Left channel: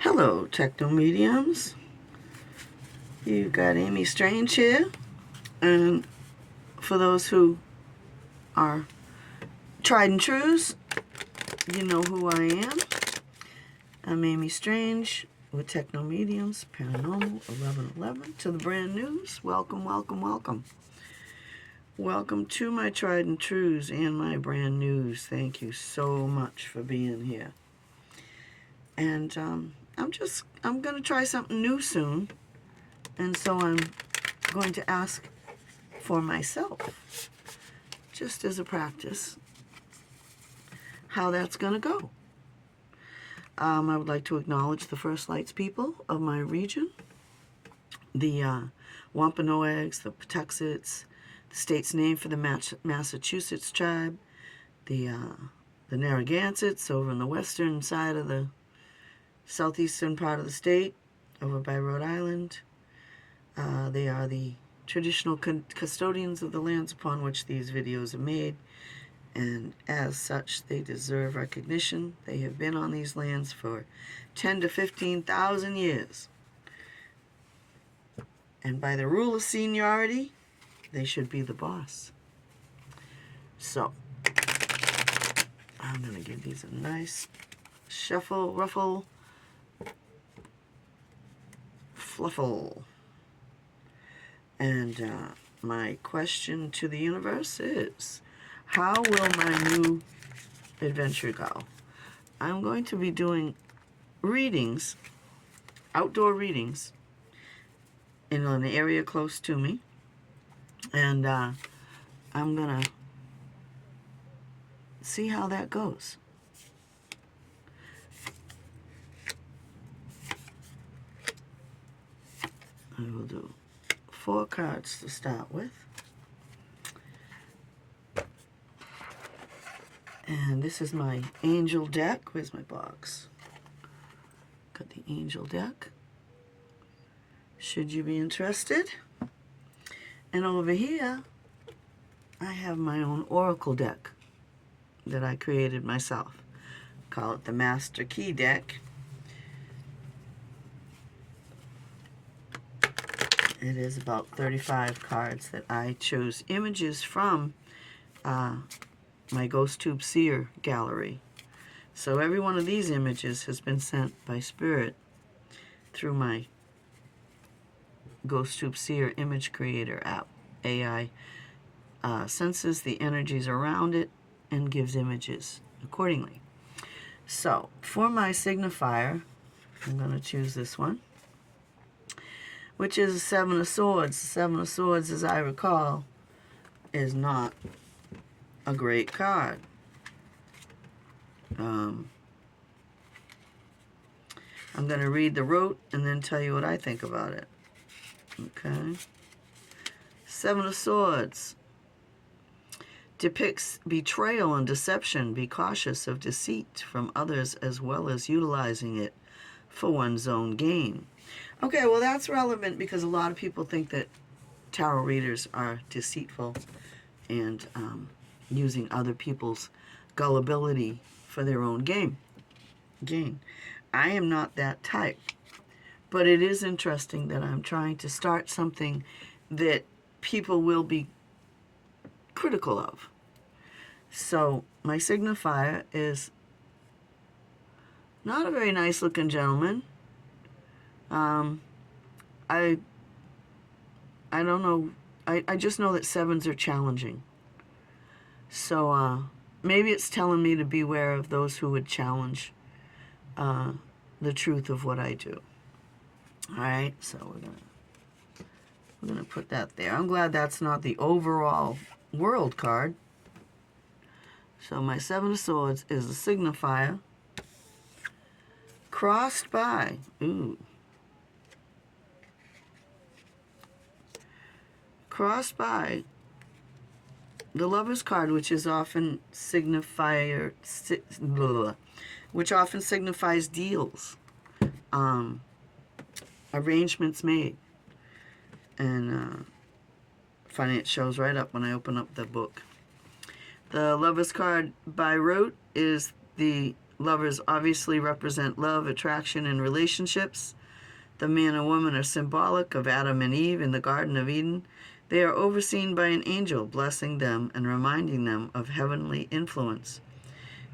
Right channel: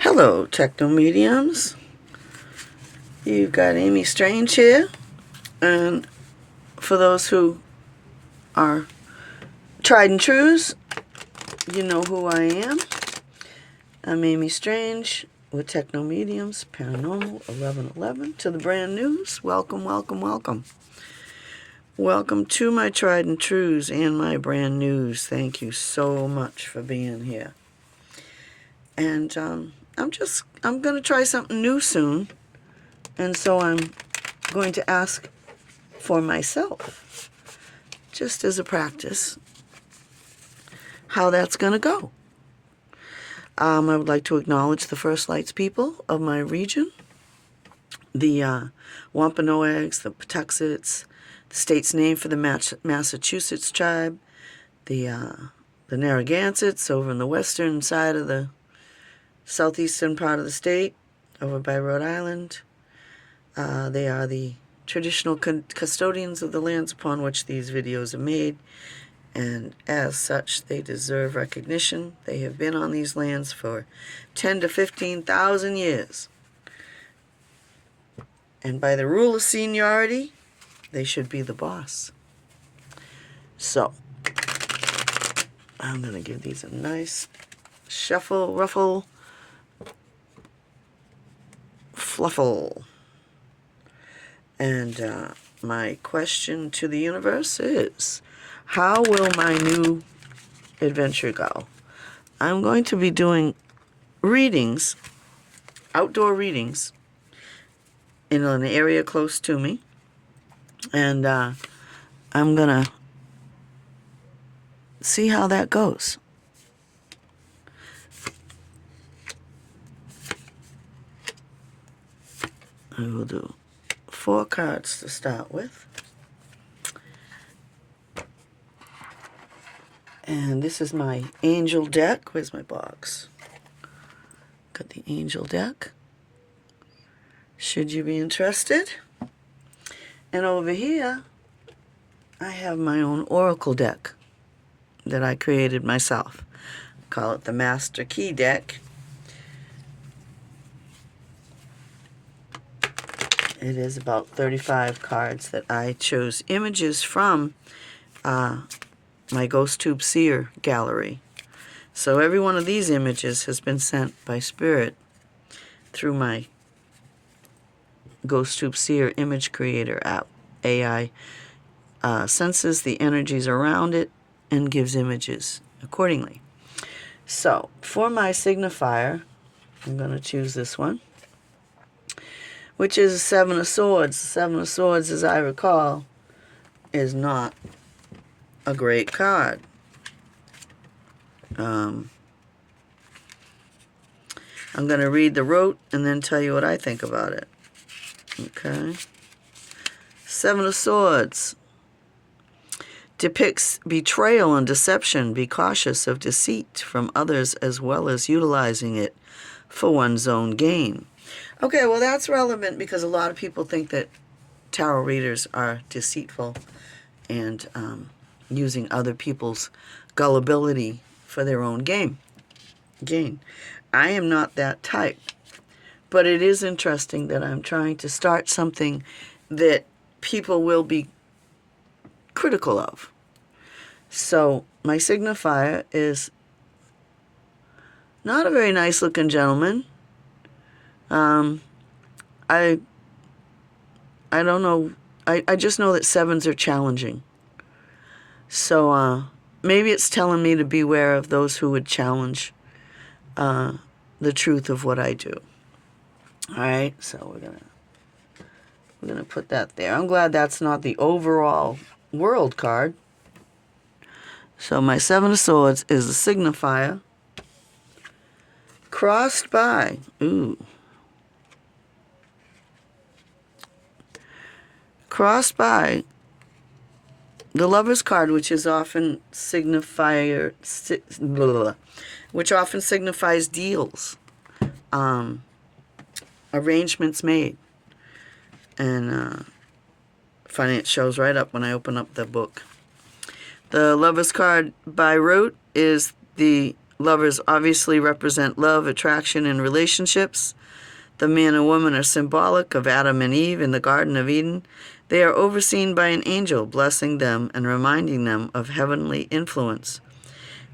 Hello, Techno Mediums. You've got Amy Strange here. And for those who are tried and trues, you know who I am. I'm Amy Strange with Techno Mediums, Paranormal 1111. To the brand news, welcome, welcome, welcome. Welcome to my tried and trues and my brand news. Thank you so much for being here. And I'm going to try something new soon. And so I'm going to ask for myself, just as a practice, how that's going to go. I would like to acknowledge the First Lights people of my region, the Wampanoags, the Patuxets, the state's name for the Massachusetts tribe, the Narragansetts over in the western side of the southeastern part of the state, over by Rhode Island. They are the traditional custodians of the lands upon which these videos are made, and as such, they deserve recognition. They have been on these lands for 10 to 15,000 years. And by the rule of seniority, they should be the boss. So, I'm going to give these a nice shuffle, ruffle, fluffle. And my question to the universe is, how will my new adventure go? I'm going to be doing readings, outdoor readings, in an area close to me. And I'm going to see how that goes. I will do 4 cards to start with. And this is my angel deck. Where's my box? Got the angel deck. Should you be interested? And over here, I have my own oracle deck that I created myself. I call it the Master Key deck. It is about 35 cards that I chose images from my Ghost Tube Seer gallery. So every one of these images has been sent by Spirit through my Ghost Tube Seer image creator app. AI senses the energies around it and gives images accordingly. So for my signifier, I'm going to choose this one, which is a 7 of Swords. The 7 of Swords, as I recall, is not a great card. I'm going to read the rote and then tell you what I think about it. Okay. 7 of Swords depicts betrayal and deception. Be cautious of deceit from others as well as utilizing it for one's own gain. Okay, well that's relevant because a lot of people think that tarot readers are deceitful and using other people's gullibility for their own gain. I am not that type, but it is interesting that I'm trying to start something that people will be critical of. So my signifier is not a very nice looking gentleman. I don't know. I just know that 7s are challenging. So maybe it's telling me to beware of those who would challenge the truth of what I do. All right, so we're gonna put that there. I'm glad that's not the overall world card. So my 7 of Swords is a signifier crossed by, crossed by the Lover's card, which is often which often signifies deals, arrangements made, and finance shows right up when I open up the book. The Lover's card by rote is the Lovers obviously represent love, attraction, and relationships. The man and woman are symbolic of Adam and Eve in the Garden of Eden. They are overseen by an angel, blessing them and reminding them of heavenly influence.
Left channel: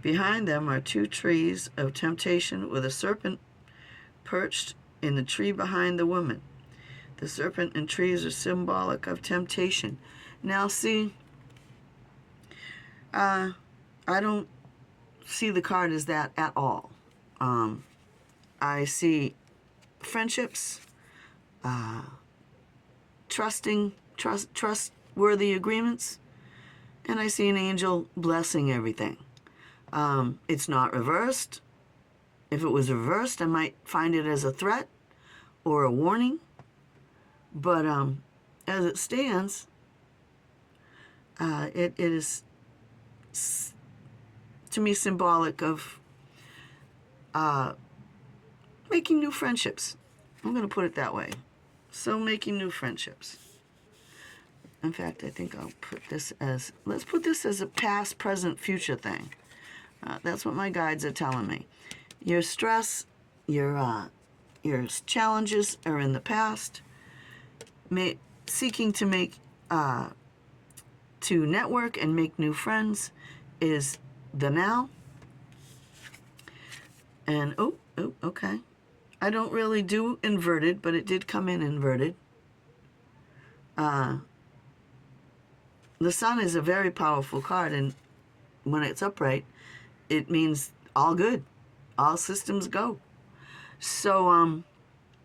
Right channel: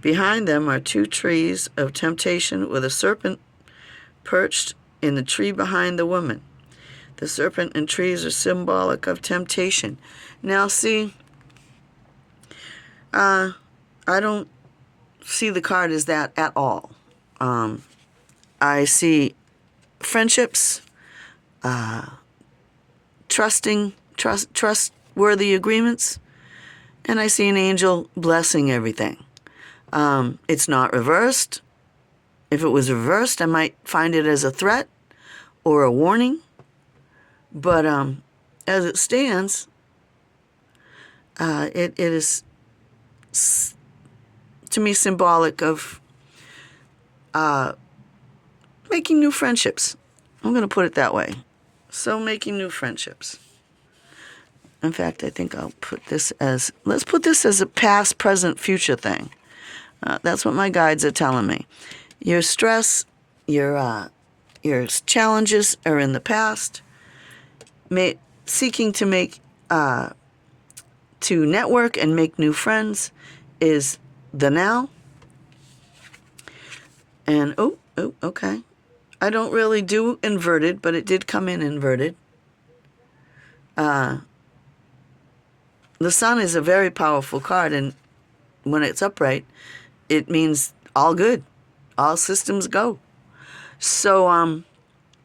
Behind them are two trees of temptation with a serpent perched in the tree behind the woman. The serpent and trees are symbolic of temptation. Now, see, I don't see the card as that at all. I see friendships, trustworthy agreements, and I see an angel blessing everything. It's not reversed. If it was reversed, I might find it as a threat or a warning. But as it stands, it is, to me, symbolic of making new friendships. I'm going to put it that way. So making new friendships. In fact, I think I'll put this as, let's put this as a past, present, future thing. That's what my guides are telling me. Your stress, your challenges are in the past. Seeking to to network and make new friends is the now. And, okay. I don't really do inverted, but it did come in inverted. The sun is a very powerful card, and when it's upright, it means all good. All systems go. So I'm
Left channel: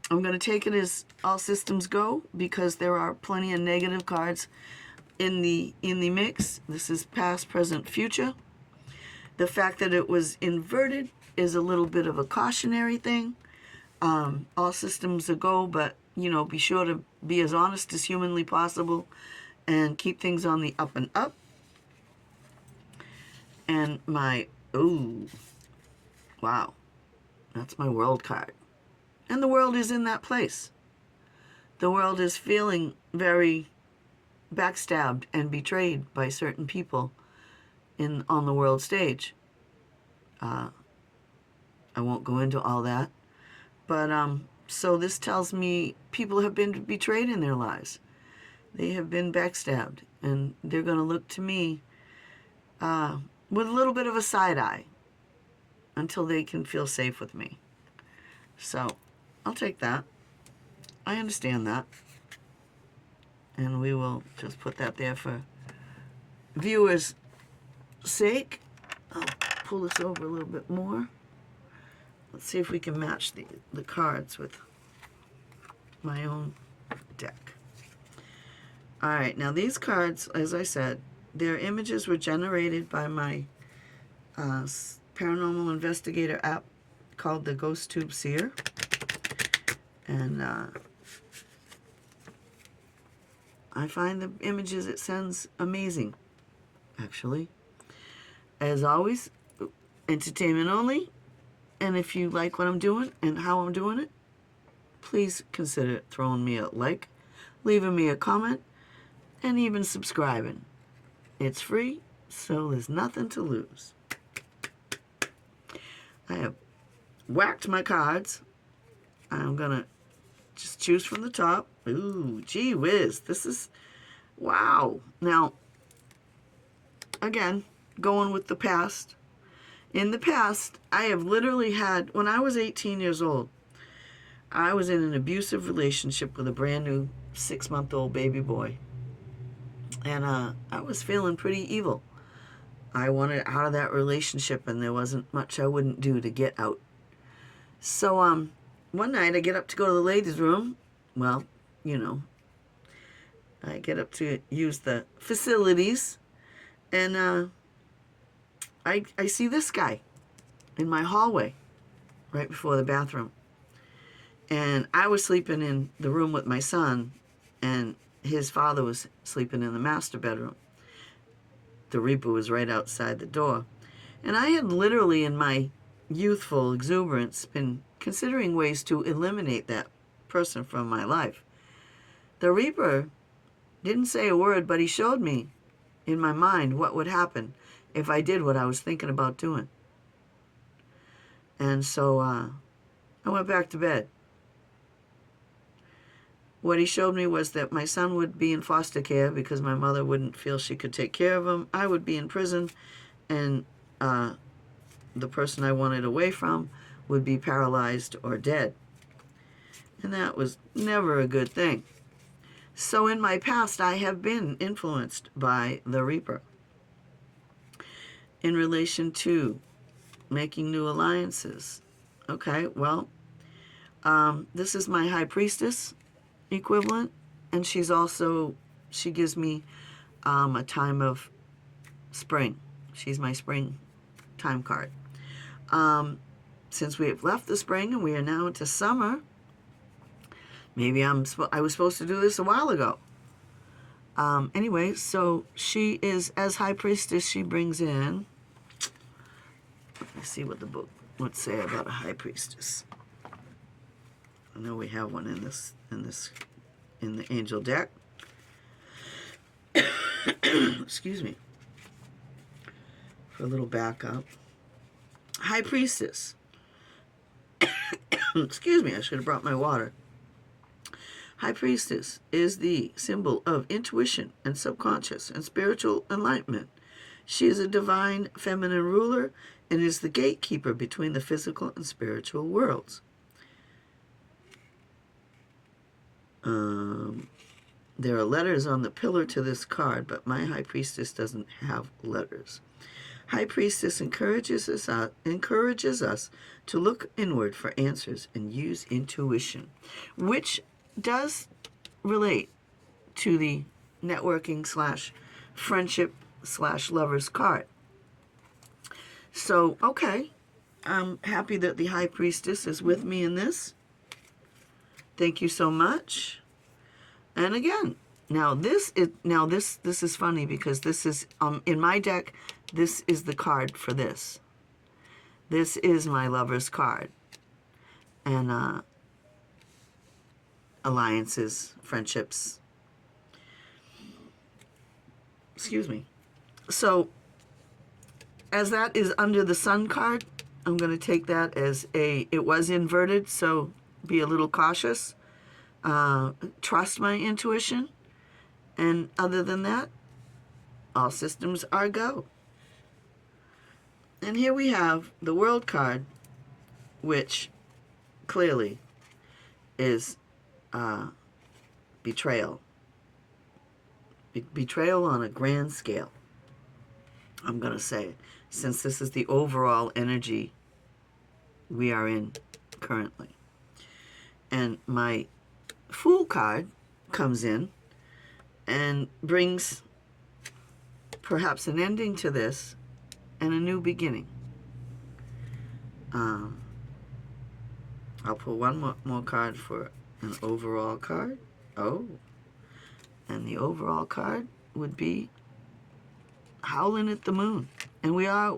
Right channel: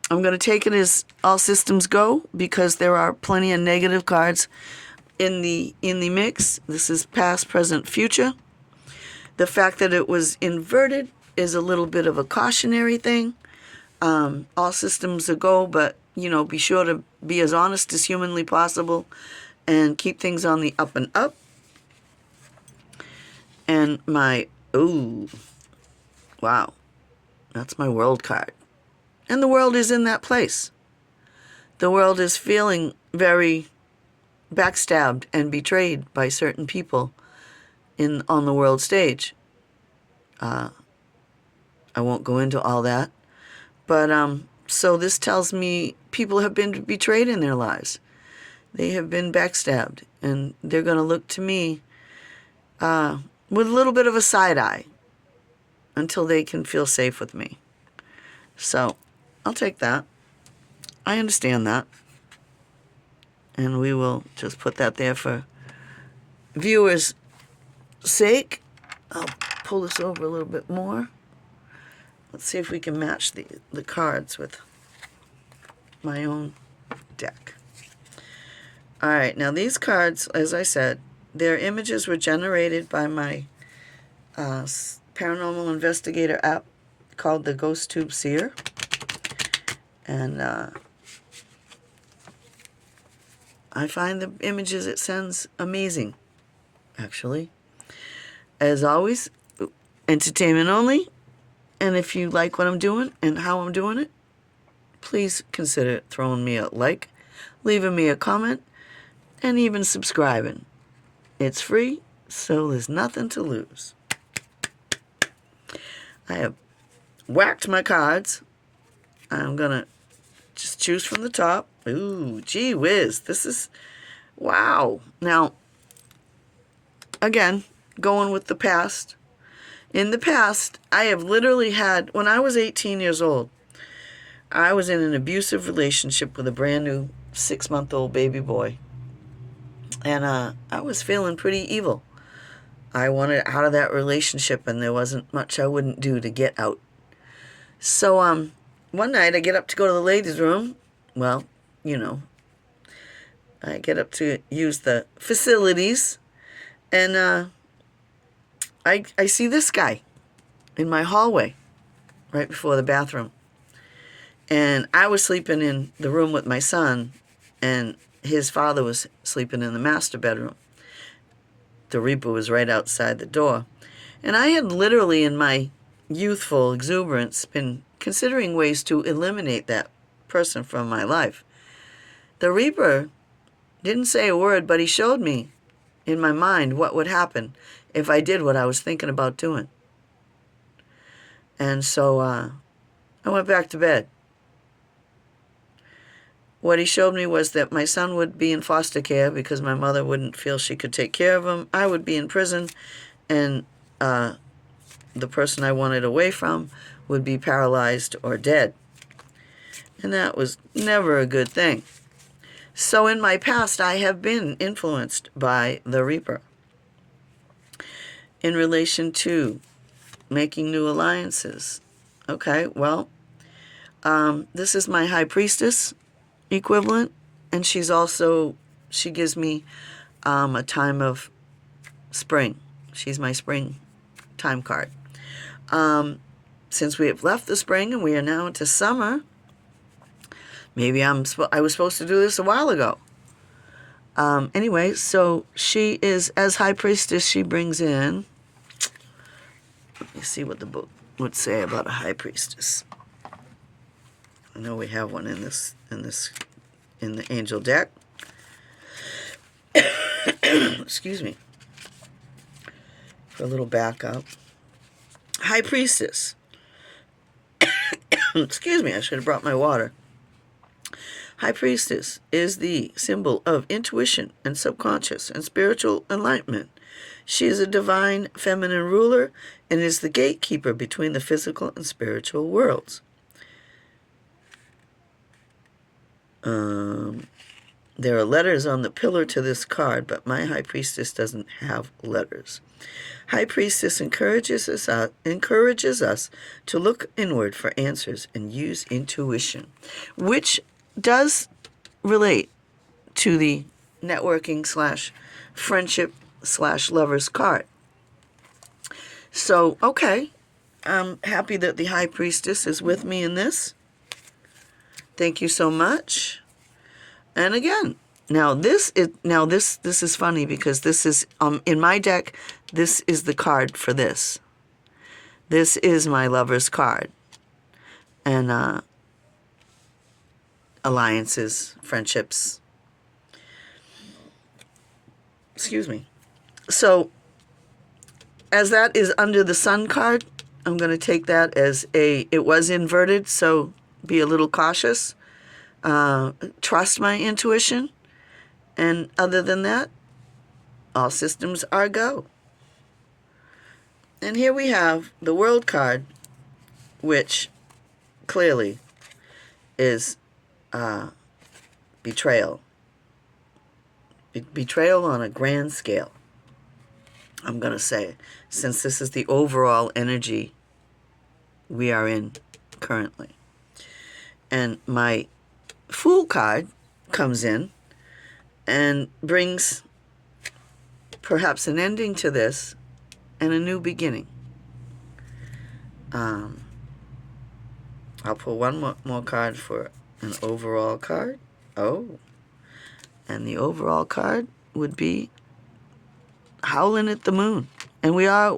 going to take it as all systems go because there are plenty of negative cards in the mix. This is past, present, future. The fact that it was inverted is a little bit of a cautionary thing. All systems a go, but be sure to be as honest as humanly possible and keep things on the up and up. And wow, that's my world card. And the world is in that place. The world is feeling very backstabbed and betrayed by certain people on the world stage. I won't go into all that. But so this tells me people have been betrayed in their lives. They have been backstabbed, and they're going to look to me with a little bit of a side eye until they can feel safe with me. So I'll take that. I understand that. And we will just put that there for viewers' sake. I'll pull this over a little bit more. Let's see if we can match the cards with my own deck. All right, now these cards, as I said, their images were generated by my paranormal investigator app called the Ghost Tube Seer. And I find the images it sends amazing, actually. As always, entertainment only. And if you like what I'm doing and how I'm doing it, please consider throwing me a like, leaving me a comment, and even subscribing. It's free, so there's nothing to lose. I have whacked my cards. I'm going to just choose from the top. Ooh, gee whiz. This is, wow. Now, again, going with the past. In the past, I have literally had, when I was 18 years old, I was in an abusive relationship with a brand new 6-month-old baby boy. And I was feeling pretty evil. I wanted out of that relationship, and there wasn't much I wouldn't do to get out. So one night I get up to go to the ladies' room. Well, I get up to use the facilities, and I see this guy in my hallway right before the bathroom. And I was sleeping in the room with my son, and his father was sleeping in the master bedroom. The Reaper was right outside the door. And I had literally, in my youthful exuberance, been considering ways to eliminate that person from my life. The Reaper didn't say a word, but he showed me in my mind what would happen if I did what I was thinking about doing. And so I went back to bed. What he showed me was that my son would be in foster care because my mother wouldn't feel she could take care of him. I would be in prison, and the person I wanted away from would be paralyzed or dead. And that was never a good thing. So in my past, I have been influenced by the Reaper in relation to making new alliances. Okay, well, this is my high priestess equivalent, and she gives me a time of spring. She's my spring time card. Since we have left the spring and we are now into summer, maybe I was supposed to do this a while ago. Anyway, so she is, as high priestess, she brings in, let me see what the book would say about a high priestess. I know we have one in the angel deck. Excuse me. For a little backup. High priestess. Excuse me, I should have brought my water. High priestess is the symbol of intuition and subconscious and spiritual enlightenment. She is a divine feminine ruler and is the gatekeeper between the physical and spiritual worlds. There are letters on the pillar to this card, but my high priestess doesn't have letters. High priestess encourages us to look inward for answers and use intuition, which does relate to the networking / friendship / lovers card. So, okay, I'm happy that the high priestess is with me in this. Thank you so much. And again, now this is funny because this is in my deck. This is the card for this. This is my lover's card, and alliances, friendships. Excuse me. So, as that is under the sun card, I'm going to take that as it was inverted, so be a little cautious. Trust my intuition. And other than that, all systems are go. And here we have the world card, which clearly is betrayal. Betrayal on a grand scale, I'm going to say, since this is the overall energy we are in currently. And my Fool card comes in and brings perhaps an ending to this and a new beginning. I'll pull one more card for an overall card. Oh, and the overall card would be howling at the moon. And we are,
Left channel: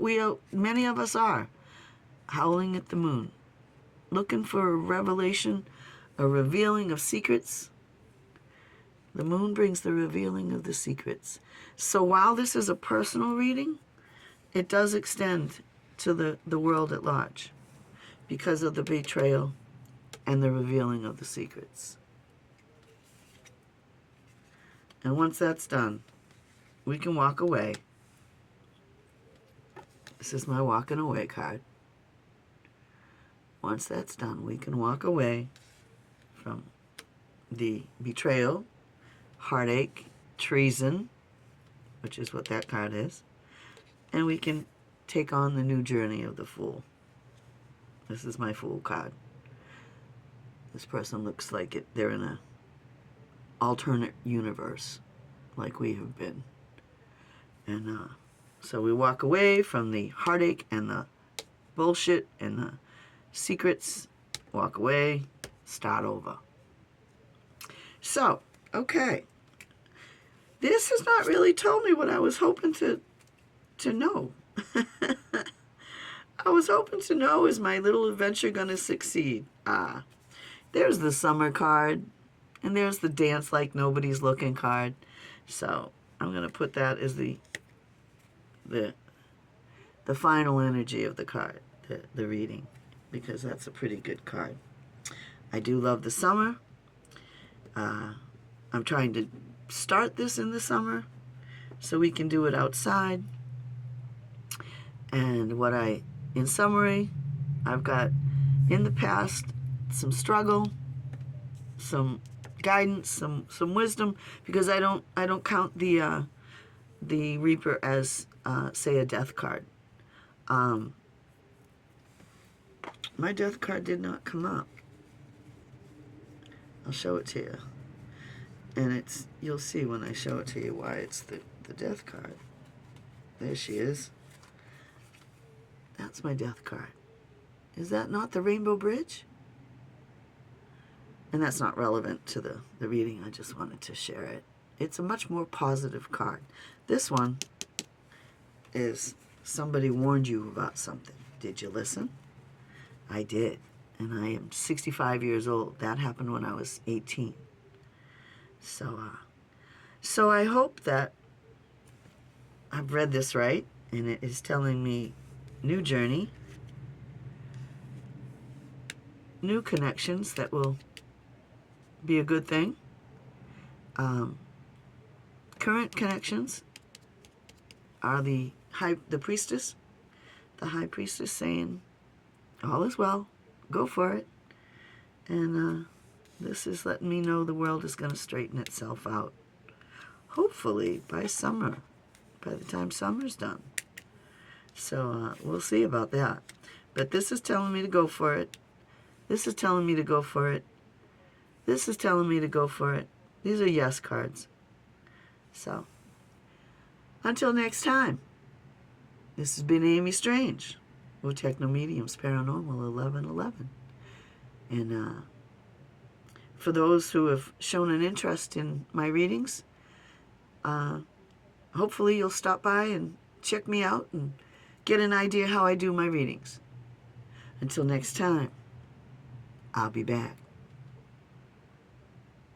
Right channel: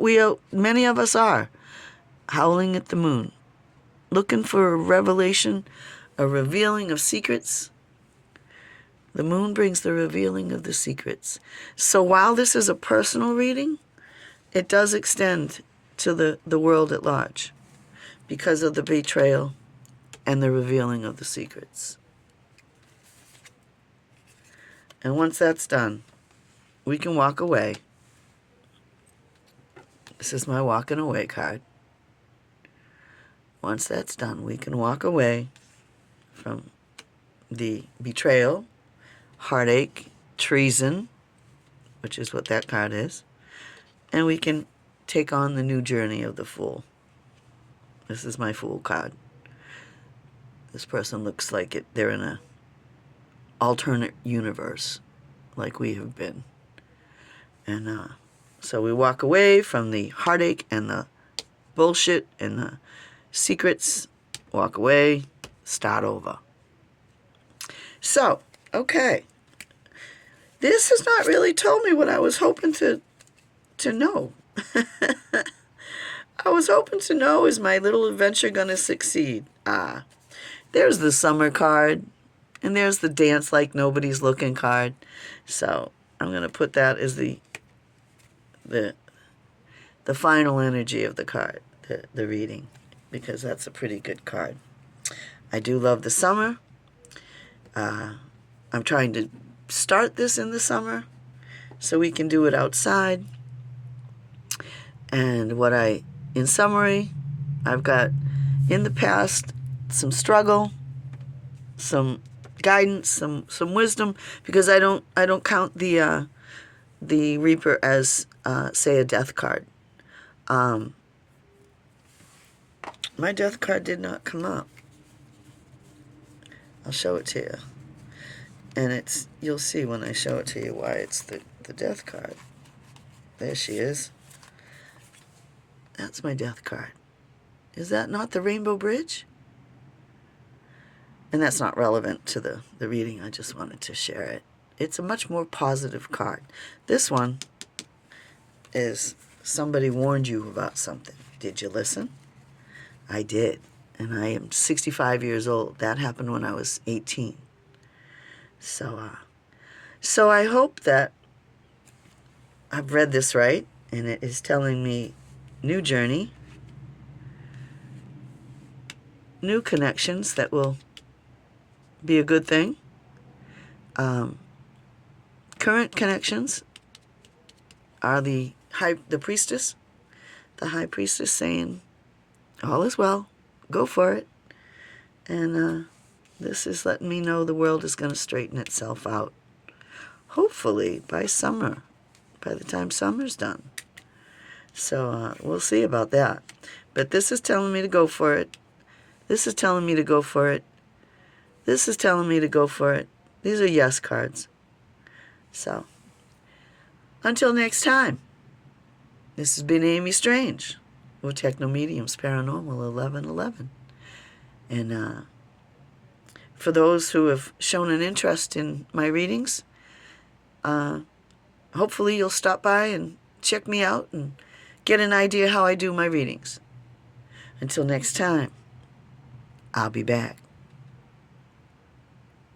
many of us are howling at the moon, looking for a revelation, a revealing of secrets. The moon brings the revealing of the secrets. So while this is a personal reading, it does extend to the world at large because of the betrayal and the revealing of the secrets. And once that's done, we can walk away. This is my walking away card. Once that's done, we can walk away from the betrayal, heartache, treason, which is what that card is, and we can take on the new journey of the Fool. This is my Fool card. This person looks like they're in a alternate universe, like we have been. And so we walk away from the heartache and the bullshit and the secrets, walk away, start over. So, okay. This has not really told me what I was hoping to know. I was hoping to know, is my little adventure going to succeed? There's the summer card, and there's the dance like nobody's looking card. So I'm going to put that as the final energy of the card, the reading. because that's a pretty good card. I do love the summer. I'm trying to start this in the summer so we can do it outside. And in summary, I've got in the past some struggle, some guidance, some wisdom, because I don't count the Reaper as say a death card. My death card did not come up. I'll show it to you. And you'll see when I show it to you why it's the death card. There she is. That's my death card. Is that not the Rainbow Bridge? And that's not relevant to the reading. I just wanted to share it. It's a much more positive card. This one is somebody warned you about something. Did you listen? I did. And I am 65 years old. That happened when I was 18. So I hope that I've read this right, and it is telling me new journey, new connections that will be a good thing. Current connections are the priestess, the high priestess saying, all is well, go for it. And this is letting me know the world is going to straighten itself out. Hopefully by summer, by the time summer's done. So we'll see about that. But this is telling me to go for it. This is telling me to go for it. This is telling me to go for it. These are yes cards. So, until next time, this has been Amy Strange with Techno Mediums Paranormal 1111. And for those who have shown an interest in my readings, hopefully you'll stop by and check me out and get an idea how I do my readings. Until next time, I'll be back.